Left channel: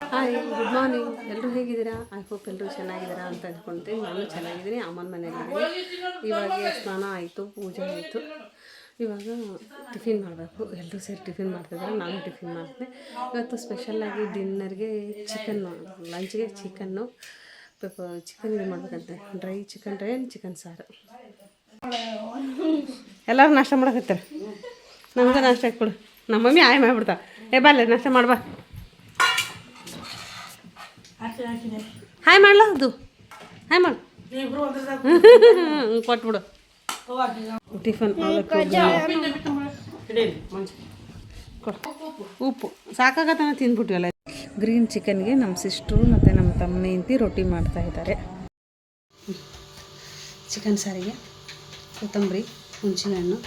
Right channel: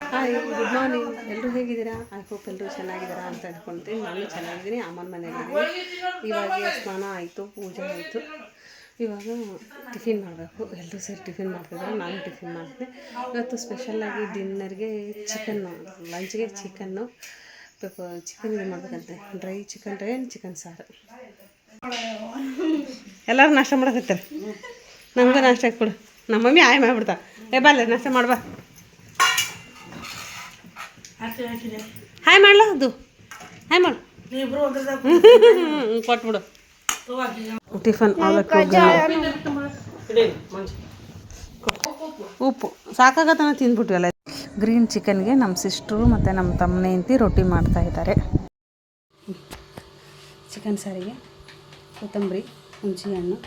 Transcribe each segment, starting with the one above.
Hi, good morning. ಎಲ್ಲರೂ ಹೇಗಿದ್ದೀರಾ? I hope ಎಲ್ಲರೂ ಚೆನ್ನಾಗಿದ್ದೀರಾ ಅಂತ ಅಂದ್ಕೊಳ್ತೀನಿ. ನಾನು ಚೆನ್ನಾಗಿದ್ದೀನಿ, ಅಮ್ಮನ ಮನೆಯಾಗಿದ್ದೀನಿ. ಇವಾಗ ಸ್ನಾನ ಆಯಿತು, ಪೂಜೆ ಆಯಿತು. ಇವಾಗ ಟಿಫಿನ್ ಮಾಡಬೇಕು. ಎಲ್ಲರೂ ಸೇರಿ ಟಿಫಿನ್ ಮಾಡ್ತಿದ್ದಾರೆ, ನಾನು ಟಿಫಿನ್ ಮಾಡಿದೆ. ಇವತ್ತು ಸ್ಪೆಷಲ್ಲಾಗಿ ಡಿನ್ನರ್ಗೆ ಚಿಕನ್ನು, ಲಂಚ್ಗೆ ಚಿಕನ್ನು ಚಿಕನ್ ಇದು ಮಾಡಬೇಕಂತೆ. ಡ್ರೈ ಚಿಕನ್ ಸಾರು. ಎಲ್ಲರೂ ನಾಷ್ಟ ಮಾಡಕತ್ತಾರೆ. ನಮಗೂ ನಾಷ್ಟ ಕೊಡು. ನಮ್ಮ ಮಮ್ಮಿ ಆಯ್ ಮಾಡಿಬಿಡ್ತಾ. ಬಾರ್ಲೆ ನಾಷ್ಟ ಮಾಡ್ಬಾ. ಹಾಯ್ ಮಾಡಲ ಅದು ಹಾಯ್ ಮಾಡು. ಕೊಟ್ಬಿಡು ಟಿಫನ್. ಉಪ್ಪು ಸಾಕಾಗತ್ತನ ತಿಂದ್ಬಿಟ್ವಲ್ಲ. ಗ್ರೀನ್ ಚಿಕನ್ಗೆ ನಮ್ಮ ಸಿಸ್ಟ್ರು ಮತ್ತು ನಮ್ಮ ತಮ್ಮನೇ ಇಂತಿ ರೊಟ್ಟಿ ಮಾಡ್ತಾಯಿದ್ದಾರೆ. ಚಿಕನ್ ಸಾರಿಗೆ ಕೊತ್ತಂಬರಿ, ಹುಣಸೆಹಣ್ಣು,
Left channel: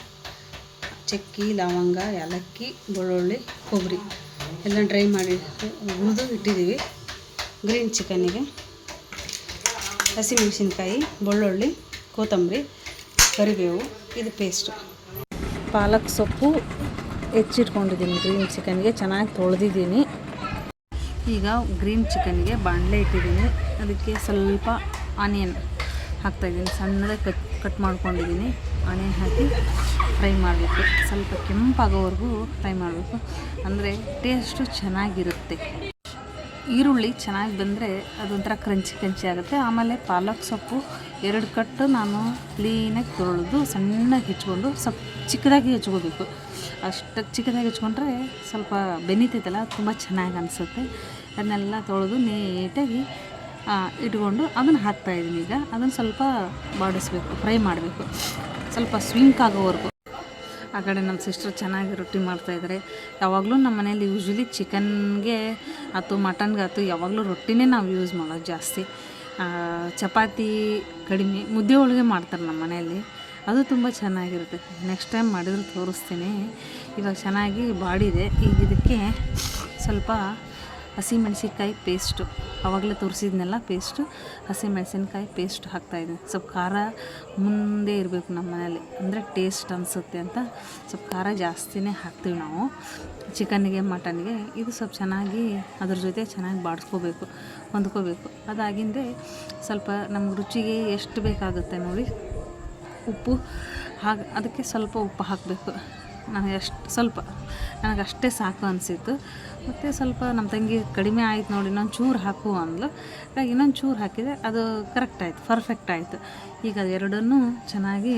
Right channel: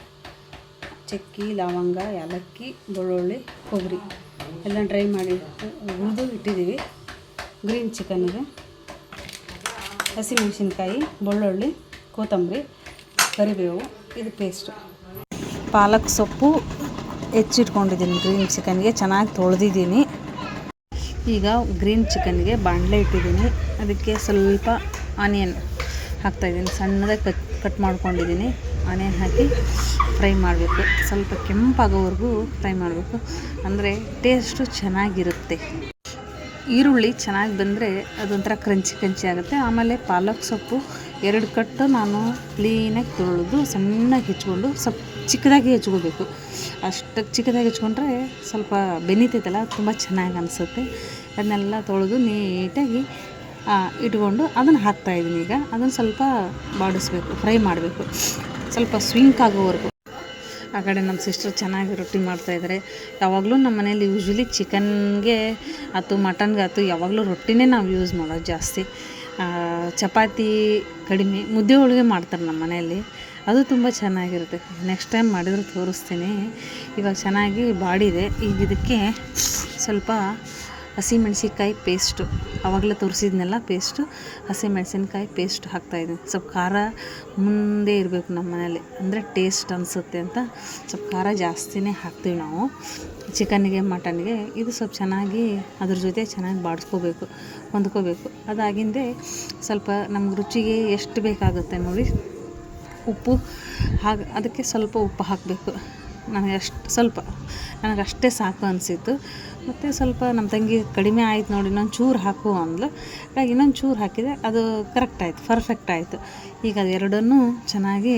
ಚಕ್ಕಿ, ಲವಂಗ, ಏಲಕ್ಕಿ, ಬೆಳ್ಳುಳ್ಳಿ, ಕೊಬ್ಬರಿ ಎಲ್ಲ ಡ್ರೈ ಮಾಡಿ ಹುರಿದು ಇಟ್ಟಿದ್ದೀವಿ. ಗ್ರೀನ್ ಚಿಕನ್ನಿಗೆ ಹಸಿಮೆಣಸಿನ್ಕಾಯಿ, ಬೆಳ್ಳುಳ್ಳಿ, ಕೊತ್ತಂಬರಿ, ಕರಿಬೇವು, ಇದು ಪೇಸ್ಟು. ಪಾಲಕ್ ಸೊಪ್ಪು ಹೆಚ್ಚಿಟ್ಕೊಂಡಿದ್ದೀನಿ. ಗ್ರೀನ್ ಚಿಕನ್ಗೆ ಚೆನ್ನಾಗಿ ತೊಳೆದಿದ್ದೀನಿ. ಈಗ ಗ್ರೀನ್ ಚಿಕನ್ಗೆ ಬಾಣಲೆ ಇಟ್ಟಿದ್ದೀನಿ. ಅದಕ್ಕೆ ಸ್ವಲ್ಪ ಆನಿಯನ್ ಹಾಕ್ತಾಯಿದ್ದೀನಿ. ಸಣ್ಣದಾಗಿ ಕಟ್ ಮಾಡ್ಕೊಂಡಿದ್ದೀನಿ. ಆನಿಯನ್ ಹಾಕಿ ಫ್ರೈ ಮಾಡಬೇಕು. ಸ್ವಲ್ಪ ಕೆಂಪಾಗೋವರೆಗೂ ಫ್ರೈ ಮಾಡಬೇಕು, ಅಂದರೆ ಟೇಸ್ಟು ಚೆನ್ನಾಗಿರುತ್ತೆ. ಈರುಳ್ಳಿ ಚೆನ್ನಾಗಿ ಬಂದರೆ ಅದೊಂಥರ ಕ್ರಂಚಿ ಆಗುತ್ತೆ. ಆಮೇಲೆ ಪಾಲಕ್ ಸೊಪ್ಪು 2 ಕಟ್ಟು ನಾನು ಕ್ಲೀನಾಗಿ ತೊಳೆದು ಸಣ್ಣಗೆ ಹೆಚ್ಕೊಂಡು ಸ್ವಲ್ಪ ಚಿಕ್ಕದಾಗಿ ಹೆಚ್ಕೋಬೇಕು. ಅಷ್ಟು ಚಿಕ್ಕದಾಗಿ ಹೆಚ್ಕೊಂಡ್ರೆ ಸ್ವಲ್ಪ ಬೆನೀತೈತಲ್ಲ, ತುಂಬ ಚೆನ್ನಾಗಿ ಅನಿಸುತ್ತೆ. ಅದನ್ನೆಲ್ಲ ತೊಳೆದು ನೀಟಾಗಿ ಇಟ್ಕೊಂಡು ಅದನ್ನು ಹಾಕ್ತಾಯಿದ್ದೀನಿ. ಈಗ ಅದನ್ನು ಸ್ವಲ್ಪ ಬಾಡಿಸ್ಬೇಕು, ಫ್ರೈ ಮಾಡಬೇಕು, ಸ್ವಲ್ಪ ಸ್ವಿಂಕ್ ಆಗೋವರೆಗೂ. ಆ ಕಡೆ ನಮ್ಮ ಸಿಸ್ಟರ್ ಚೆನ್ನಾಗಿ ರೊಟ್ಟಿ ಮಾಡ್ತಾಯಿದ್ದಾರೆ. ಯಾವಾಗಲೂ ನಮ್ಮ ಮನೇಲಿ ಯೂಶ್ವಲಿ ಚಿಕನ್ಗೆ ಆಯ್ತು, ಮಟನ್ಗೆ ಆಯ್ತು, ಯಾವಾಗಲೂ ರೊಟ್ಟಿನೇ ನಾವು ಯೂಸ್ ಮಾಡೋದು ಜಾಸ್ತಿ. ಚಪಾತಿ ಕಡಿಮೆ, ಮುದ್ದೆ ಹೋಳಿಗೆ ಮಾಡ್ತಾರೆ ನಮ್ಮ ಮನೆಯಲ್ಲಿ. ಅದು ತುಂಬ ಚೆನ್ನಾಗಿರುತ್ತೆ. ನೆಕ್ಸ್ಟ್ ಟೈಮ್ ಮಾಡಿದ್ರು ತೋರಿಸ್ತೀನಿ. ಇವಾಗ ಚೆನ್ನಾಗಿ ಬಾಡಿದೆ. ಈಗ ಇದಕ್ಕೆ ಸ್ವಲ್ಪ ಹಸಿಮೆಣ್ಸಿನ್ಕಾಯಿ ಪೇಸ್ಟು, ಆವಾಗಲೇ ತೋರಿಸಿದ್ನೆಲ್ಲ ಪೇಸ್ಟು, ಹಸಿಮೆಣ್ಸಿನ್ಕಾಯಿ ಪೇಸ್ಟ್ ಹಾಕ್ತಾಯಿದ್ದೀನಿ. ಸ್ವಲ್ಪ ಖಾರ ಮುಂದೆ ಇರಬೇಕು ನಮ್ಮ ಮನೇಲಿ, ಅಂದರೆ ಟೇಸ್ಟ್ ಅನಿಸುತ್ತೆ ಅಂತ ಸ್ವಲ್ಪ ಖಾರ ಜಾಸ್ತಿನೇ ಹಾಕ್ತೀವಿ ನಾವು ಚಿಕನ್ನಿಗೆ, ಮಟನ್ಗೆ. ಇದು ಸ್ವಲ್ಪ ಚೆನ್ನಾಗಿ ಅದ್ರ ಜೊತೆ ಚೆನ್ನಾಗಿ ಬಾಡಿಸ್ಕೋಬೇಕು, ಹೊಂದ್ಕೋಬೇಕು. ಅದಾಗಿಂದೆ ಸ್ವಲ್ಪ ನಮ್ಗೆ ರುಚಿಗೆ ಎಷ್ಟು ಬೇಕಾಗುತ್ತೆ ನೋಡಿ ಉಪ್ಪು ಅದಕ್ಕೆ ಸ್ವಲ್ಪ ಉಪ್ಪು ಹಾಕಬೇಕು. ನನಗಷ್ಟೇ ಸಾಕು ಅನಿಸಿತ್ತು. ಮತ್ತು ಸ್ವಲ್ಪ ನಮ್ಮ ತಂಗಿ ಕಡಿಮೆ ಆಯ್ತು ನೋಡಿ, ಇನ್ನೊಂದು ಚೂರು ಹಾಕು ಅಂದ್ಲು. ಹಾಗಾಗಿ ಇನ್ನೊಂದು ಚೂರು ಹಾಕಿದೆ, ಅದು ಕರೆಕ್ಟ್ ಆಯಿತು, ಪರ್ಫೆಕ್ಟ್ ಆಯಿತು. ಈಗ ಅದೆರಡನ್ನೂ ಚೆನ್ನಾಗಿ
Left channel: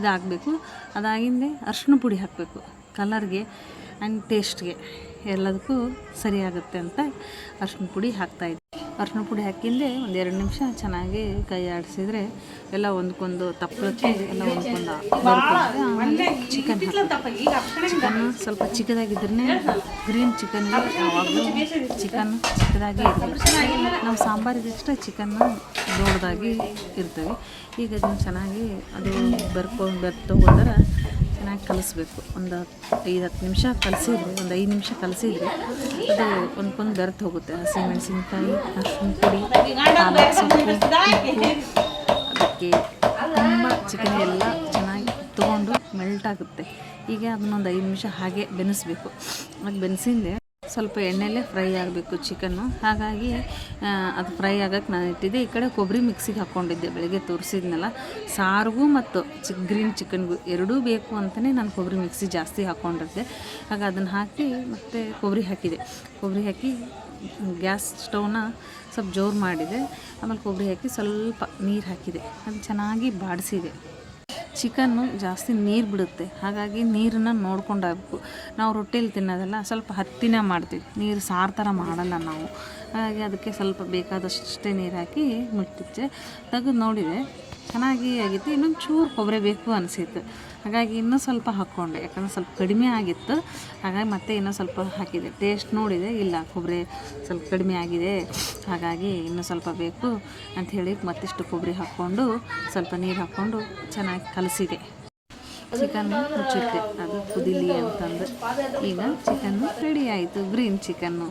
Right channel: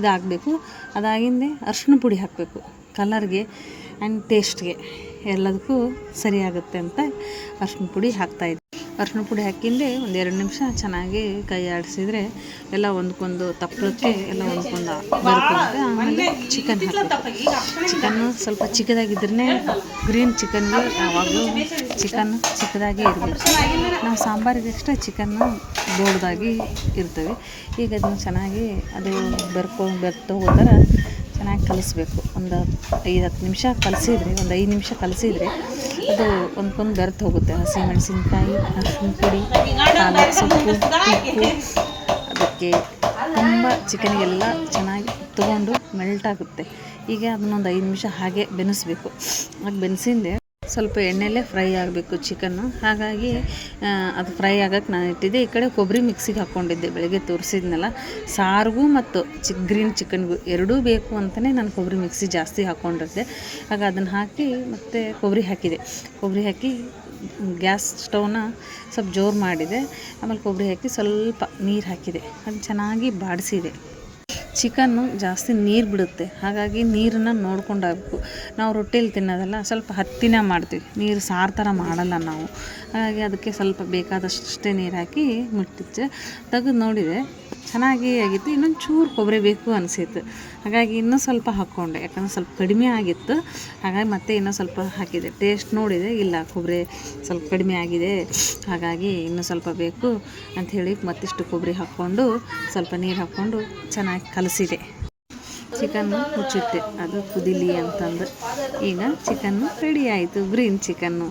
ಇದಾಗಬೇಕು. ಅದಾಗಿಂದೆ ಅರಿಶಿಣ ಪುಡಿ ಹಾಕಬೇಕು, ಕಲರ್ಗೆ ಆ್ಯಂಡ್ ಟೇಸ್ಟ್ಗೆ ಎಲ್ಲದಕ್ಕೂ ಸರಿಯಾಗುತ್ತೆ ಅಂತ ಅರಿಶಿಣ ಪುಡಿ ಹಾಕ್ತಾಯಿದ್ದೆ. ಅರಿಶಿಣ ಪುಡಿ ಹಾಕಿಂದೆ ಒಂದು 2 ನಿಮಿಷ ಚೆನ್ನಾಗಿ ಕೈ ಆಡಿಸಿದರೆ ಎಲ್ಲ ಒಂದಕ್ಕೊಂದು ತಪ್ಪಲಕ್ಕೆ ಎಲ್ಲ ಒಂದಕ್ಕೊಂದು ಬರುತ್ತೆ. ಆಮೇಲೆ ಚಿಕನ್ ಹಾಕಬೇಕು. ಚಿಕನ್ನು ಸ್ವಲ್ಪ ಚಿಕ್ಕದಾಗಿದ್ರೇ ಗ್ರೀನ್ ಚಿಕನ್ಗೆ ಯಾವಾಗಲೂ ಚಿಕನ್ ಚಿಕ್ಕದಾಗಿ ಇರಬೇಕು. ನಾವು ಸಾಂಬಾರಿಗೆ ಅಷ್ಟೇ ಚಿಕನ್ನು ದೊಡ್ಡದಾಗಿ ಇರ್ತವೆ. ಈಗ ಅದನ್ನು ಚೆನ್ನಾಗಿ ಅದು ಬೆರ್ತೋಗೋ ಥರ ಚೆನ್ನಾಗಿ ಕಲಿಸ್ಬೇಕು. ಒಂದು 5-10 ನಿಮಿಷ ಕಲಿಸಿದರೆ, ಒಂದು 5 ನಿಮಿಷ ಕಲಿಸಿದರೆ ಅದು ಒಂದ್ಕೊಂಡು ಬೆರೆತು ಹೋಗುತ್ತೆ. ಹಸಿಮೆಣಸಿನ್ಕಾಯಿ, ಅರಿಶಿನ ಪುಡಿ, ಪಾಲಕ್ ಸೊಪ್ಪು, ಉಪ್ಪು ಅದಕ್ಕೆ ತುಂಬ ಚಿಕನ್ಗೆಲ್ಲ ಚೆನ್ನಾಗಿ ತೊಗೊಂಡು ಮೆಲ್ಟ್ ಆಗುತ್ತೆ. ಈಗ ಅದನ್ನೊಂದು 5 ನಿಮಿಷ ಹಾಗೆ ಬೆನೆಸಬೇಕು. ಹಾಗೆ ಬೆನೆಸಿಂದೆ ಸ್ವಲ್ಪ ಎಣ್ಣೆಯಲ್ಲೇ ಫ್ರೈ ಆಗಬೇಕು ಚಿಕನ್ನು. ಹಾಗಾಗಿ ಅದು ಫ್ರೈ ಆಗೋಕ್ಕೆ ನಾನು ಇಟ್ಟಿದ್ದೆ. ಈ ಕಡೆ ಕೊಬ್ಬರಿ ಮಿಕ್ಸಿಗೆ ಹಾಕ್ಕೊಂಡಿದ್ದೆ, ಬೆಳಗ್ಗೆ ತೋರಿಸಿದ್ನಲ್ಲ. ಸಾರಿಗೂ ಮತ್ತು ಗ್ರೀನ್ ಚಿಕನ್ಗೂ ಎರಡೂ ಬೇಕು ಅಂತಲೇ ನಾನು ಕೊಬ್ಬರಿ ಮಿಕ್ಸಿ ಜಾಸ್ತಿ ಹಾಕ್ಕೊಂಡಿದ್ದೆ. ಆಗ ಅದನ್ನು ಹಾಕಿ ಮತ್ತು ಕೊಬ್ಬರಿ ಹಾಕಿ ಗ್ಯಾಸ್ ಸ್ಟವ್ನ ಸ್ವಲ್ಪ ಜೋರು ಮಾಡಿದೆ. ಆಮೇಲೆ ಕೊಬ್ಬರಿ ಹಾಕಿ ಸ್ವಲ್ಪ ನೀರು ಹಾಕಿದೆ, ಅದು ಚೆನ್ನಾಗಿ ಬಾಡಿಸಿದೆ. ಚಿಕನ್ನು ಜಾಸ್ತಿ ನೀರು ಬಿಡುತ್ತೆ, ಹಾಗಾಗಿ ನೀರನ್ನು ನೋಡ್ಕೊಂಡಾಗಬೇಕು. ನಾವು ರೊಟ್ಟಿಯಲ್ಲಿ ತಿನ್ನೋದಲ್ಲ, ಸ್ವಲ್ಪ ಹತ್ತಿನ ಮಾಡ್ತೀವಿ, ನೀರು ಸಾರು ಥರ ಮಾಡಲ್ಲ ನಾವು. ಹಾಗಾಗಿ ಅದಕ್ಕೆ ಸ್ವಲ್ಪ ಬೇಕಾದಷ್ಟೇ ನೀರು ಹಾಕಿ ಮುಟ್ಟಿದ್ದೆ. ತೆಗೆದು ನೋಡಿದೆ, ಚೆನ್ನಾಗಿ ಆಗಿತ್ತು. ಇನ್ನೊಂದು ಚೂರು ಕೊಬ್ಬರಿ ಬೇಕು ಅನಿಸಿತ್ತು, ಹಾಗಾಗಿ ಇನ್ನೂ ಸ್ವಲ್ಪ ಹಾಕ್ಕೊಂಡೆ. ಯಾಕಂದರೆ ಸ್ವಲ್ಪ ಕಡಿಮೆ ಆಗಿತ್ತು, ಹಾಗಾಗಿ ಮತ್ತೆ ಇನ್ನೂ ಸ್ವಲ್ಪ ಹಾಕಿದೆ. ಟೇಸ್ಟ್ ನೋಡಿದೆ, ಇಲ್ಲ ಕೊಬ್ಬರಿ ಸ್ವಲ್ಪ ಕಡಿಮೆ ಆಗಿದೆ, ಹಾಗಾಗಿ ಇನ್ನೂ ಸ್ವಲ್ಪ ಬೇಕು ಅಂಥೇಳಿ ಮತ್ತಿಷ್ಟು ಕೊಬ್ಬರಿ ಹಾಕ್ಕೊಂಡು ಸ್ವಲ್ಪ ನೀರು ಹಾಕ್ಕೊಂಡು ಚೆನ್ನಾಗಿ ಕಲಸಿದೆ. ಚಿಕನ್ನು ಮುಚ್ಚಿಟ್ಟೆ, ಅದು ಕುದಿಲಿ ಅಂತಂದು. ಈಗ ಚಿಕನ್ನು ರೆಡಿ ಆಯಿತು, ಗ್ರೀನ್ ಚಿಕನ್ನು.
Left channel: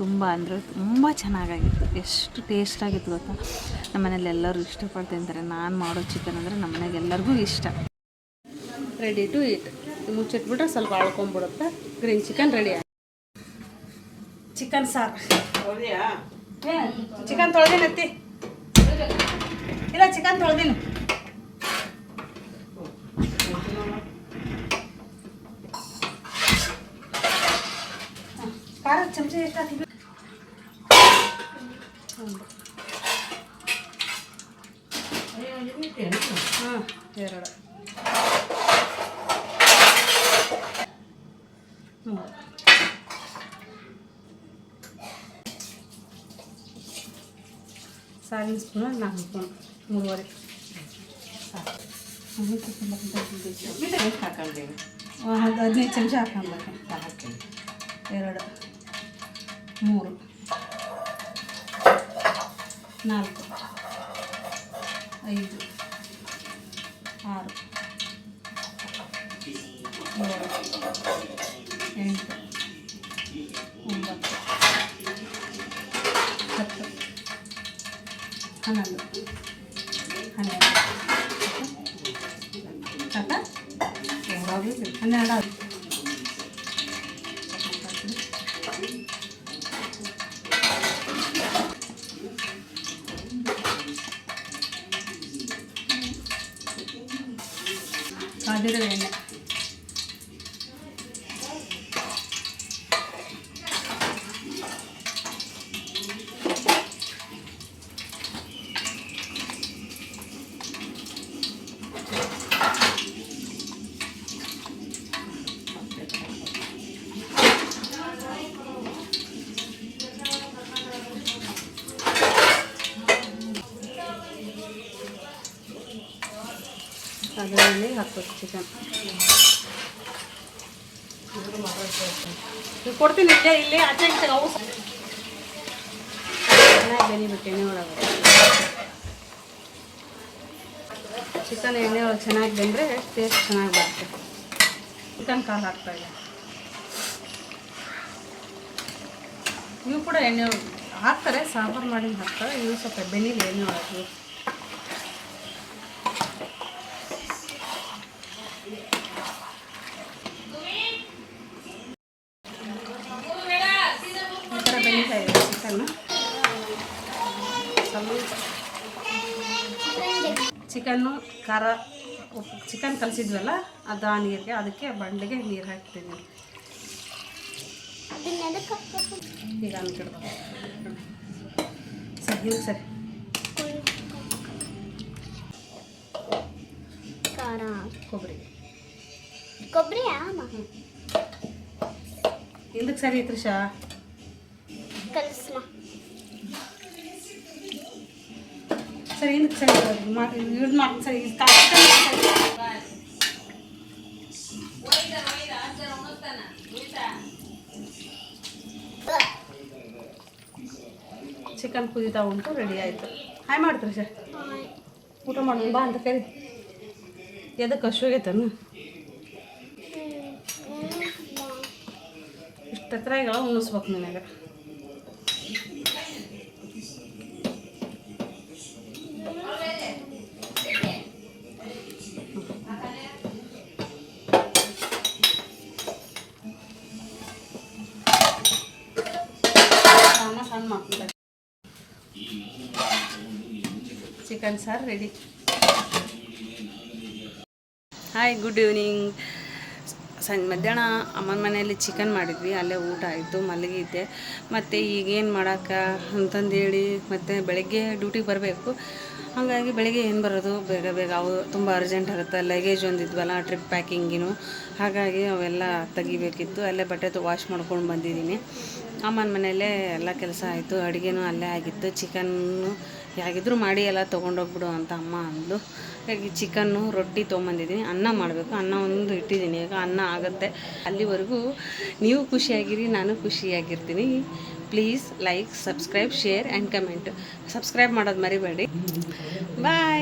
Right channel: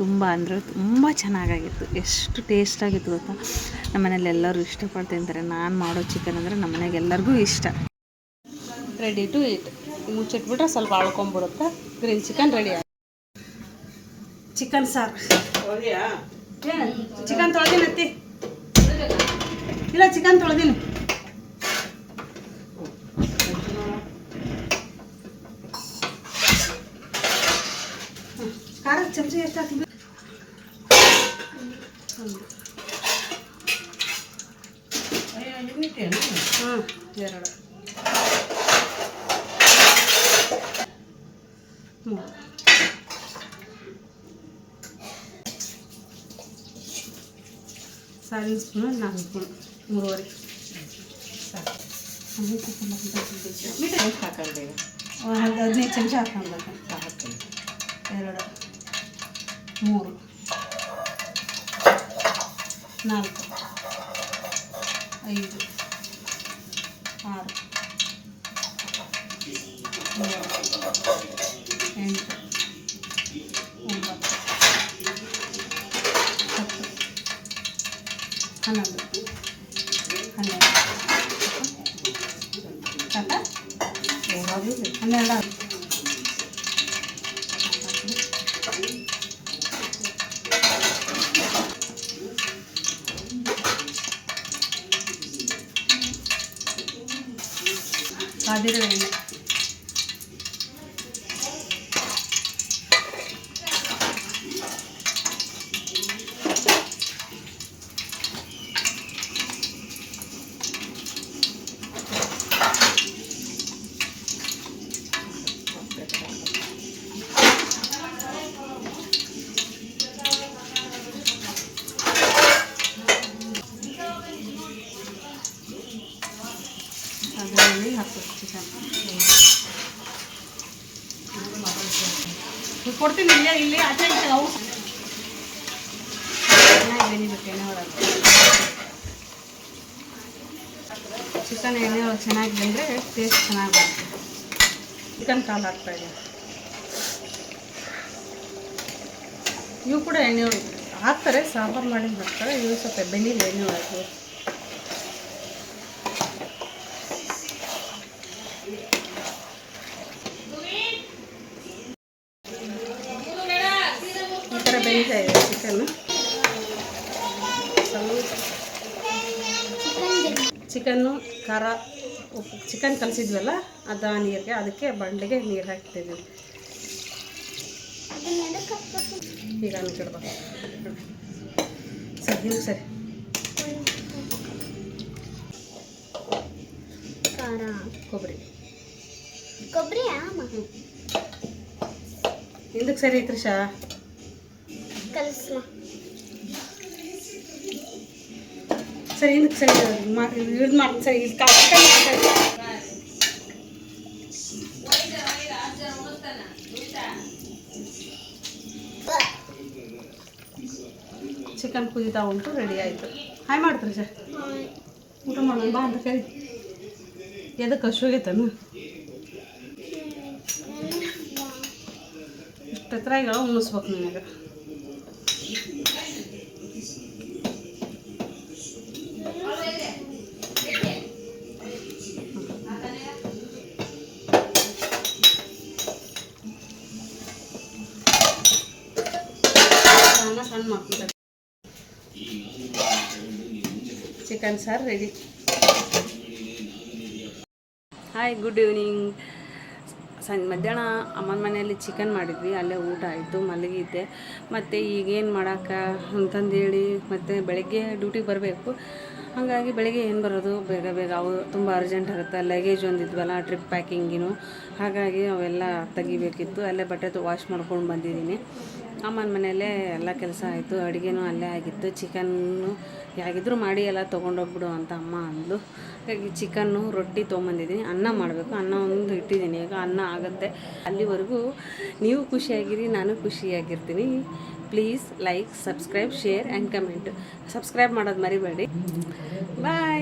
ತುಂಬ ಅಂದರೆ ತುಂಬ ಚೆನ್ನಾಗಾಗಿತ್ತು. ಎಷ್ಟು ಟೇಸ್ಟಾಗಿತ್ತು ಗೊತ್ತಾ. ನಮ್ಮ ಮನೇಲಿ ಎಲ್ಲರೂ ಇಷ್ಟಪಟ್ಟು ತಿಂತಾರೆ. ನಾನು ಮಾಡೋ ಚಿಕನ್ ಅಂದರೆ ನಮ್ಮ ಮನೆಗೆ ಎಲ್ಲರಿಗೂ ಇಷ್ಟ. Ready to eat. ಮುಚ್ಚಿಟ್ಬಿಟ್ರೆ ಸ್ವಲ್ಪ ಅಳ್ಕೊಂಬಿಡುತ್ತೆ. ಗ್ರೀನ್ ಚಿಕನ್ ರೆಡಿ ಆಗಿ ಚಿಕನ್ ಸಾರು. ಚಿಕನ್ ತೊಳೆದಿನತ್ತಿ ಇಲ್ಲ, ಚಿಕನ್ ತೊಳೆದಿನಿ. ಖಾರ ಚಮಚಿ ಎಷ್ಟು ಹಾಕಿದ್ವಿ? ಹಾಂ, 2 3 ಸಾರಿನ ಸ್ಪೂನು 4 ಸ್ಪೂನ್ 3.5 ಸಾಕು. 15 ಚಮಚ ಹಾಕೊಂಡ್ಬೇಕು. 2 3 4 5 6 7 8 9 10 11 ಸಾಕ 12 ಕಾದಿರೋ ಎಣ್ಣೆ. ಅದರಲ್ಲಿ ಹಾಕ್ಬೇಕು ಚಿಕನ್. ಕೊಡ್ತೀನಿ ಇಲ್ಲೇ ಆಚೆ ಅವು ಚೆನ್ನಾಗಿ ಬೆನಿಬೇಕು ಎಣ್ಣೆ ಒಳಗೆ. ಚಿಕನ್ ಎಣ್ಣೆ ಒಳಗೆ ಚೆನ್ನಾಗಿ ಬೆಂದರೆ ಟೇಸ್ಟ್ ಚೆನ್ನಾಗಿ ಬರ್ತದೆ. ಚಿಕನ್ ಕಾಲು ಹಾಕ್ತಾಯಿದೆ. ಇವು ಕೂಡ ಎಣ್ಣೆ ಹಾಕ್ತಾರೆ, ಸಾಂಬಾರು ಮಾಡಿ ಹಾಕ್ತಾರೆ. ಇವು ಸ್ವಲ್ಪ ಬೆನಿಲಿ ಎಣ್ಣೆ ಒಳಗೆ. ಚಿಕನ್ನು ಖಾರ ಉಪ್ಪು ಚಿಕನ್ ಕಲಿಸಿದ್ವಲ್ಲ ಅದು ಆ ನೀರಿಗೆ, ಅದಕ್ಕೆ ಬಂಡೆಗೆ ನೀರು ಹಾಕ್ತೀವಿ. ಈಗ ಅಂತಿರ್ಬೇಕು ಸರಿ ಸರಿ. ಖಾರ ಕೊಬ್ಬರಿ ಹಿಂದಕ್ಕೆ ಸರಿ ಐತ್ರಿ ಶಾ ಸರಿ ಹಿಂದಕ್ಕೆ ಸರಿ ಯೂಸ್ ಮಾಡಿ ಸರಿ. ಚಿಕನ್ ಕುದೀತಾ ಉಂಟು, ರೆಡಿ ಆಯಿತು. ಹಾಯ್ ಮಾಡ್ತೀರಿ ಸರ್, ಊಟ ಮಾಡೋಣ ಬಾ ಅಂತ ಕರಿ. ಎದಕ್ಕೆ ಹಸುವಾಗೈತನು ಇಷ್ಟು ಎತ್ತರಗಳು ಉಣಿಸ್ಬೇಕು ನನಗೆ. ಸಣ್ಣ ಮಾಡ್ತಾರೆ. ಚಿಕನ್ ಸಾರು ರೆಡಿ. Hi, good evening. ಮಧ್ಯಾಹ್ನ ಅಮ್ಮನ ಮನೆಯಲ್ಲಿ ಚಿಕನ್ ಮಾಡಿದ್ವಿ, ಅಲ್ಲೇ ಊಟ ಆಯಿತು, ಮಲಗಿದ್ದೆ. ಮತ್ತು ಈಗೇನು ಮಾಡೋಕ್ಕೆ ಅಂತಂದೇಳಿ ಮತ್ತು ಬೆಳಗ್ಗೆ ಡ್ಯೂಟಿಗೆ ಬರಬೇಕು. ಹಾಗಾಗಿ ಬೆಳಗ್ಗೆ ಏನು ಬರೋದು, ಬೇಗ ಬೇಗ ಅವು ತುಂಬ ಅರ್ಜೆಂಟ್ ಆಗುತ್ತೆ. ಲಗೇಜ್ ಒಂದಿದ್ವಲ್ಲ, ಟ್ರಿಪ್ ಪ್ಯಾಕಿಂಗಿನು, ಹಾಗಾಗಿ ಅವೆಲ್ಲ ತೆಗಿಬೇಕಿತ್ತು. ಅಲ್ಲೇ ಬಟ್ಟೆ ವಾಶ್ ಮಾಡ್ಕೊಂಡು ಬಂದಿದ್ದೀನಿ. ಅಮ್ಮನ ಮನೆಯಲ್ಲೇ ಎಲ್ಲ ಕೆಲಸ ಆಯಿತು, ಅಡುಗೆನೂ ಅಲ್ಲೇ ಆಗಿತ್ತು. ಚಿಕನ್ನು ಹೇಗಿದ್ರೂ ಮಾಡಿ ಎಲ್ಲ ತೊಗೊಂಡೋಗ್ಬಿಡು ಅಂತ ಅಮ್ಮ ಅಂದು, ಹಾಗಾಗಿ ಚಿಕನ್ನು ರೊಟ್ಟಿ ತೊಗೊಂಬಂದಿದ್ದೀನಿ. ಅನ್ನ ಮಾಡಬೇಕು, ಅನ್ನ ಒಂದು ಇಟ್ಟಿದ್ದೀನಿ. ಈಗ ಅನ್ನ ಆಗುತ್ತೆ. ಅಲ್ಲಿವರೆಗೂ ನೀವು ಖುಷಿಯಾಗಿರಿ, ನಾನು ಖುಷಿಯಾಗಿರ್ತೀನಿ. Please like, subscribe, share and comment. Subscribe ಮಾಡೋದು ಮರಿಬೇಡಿ. ಬಾಯ್.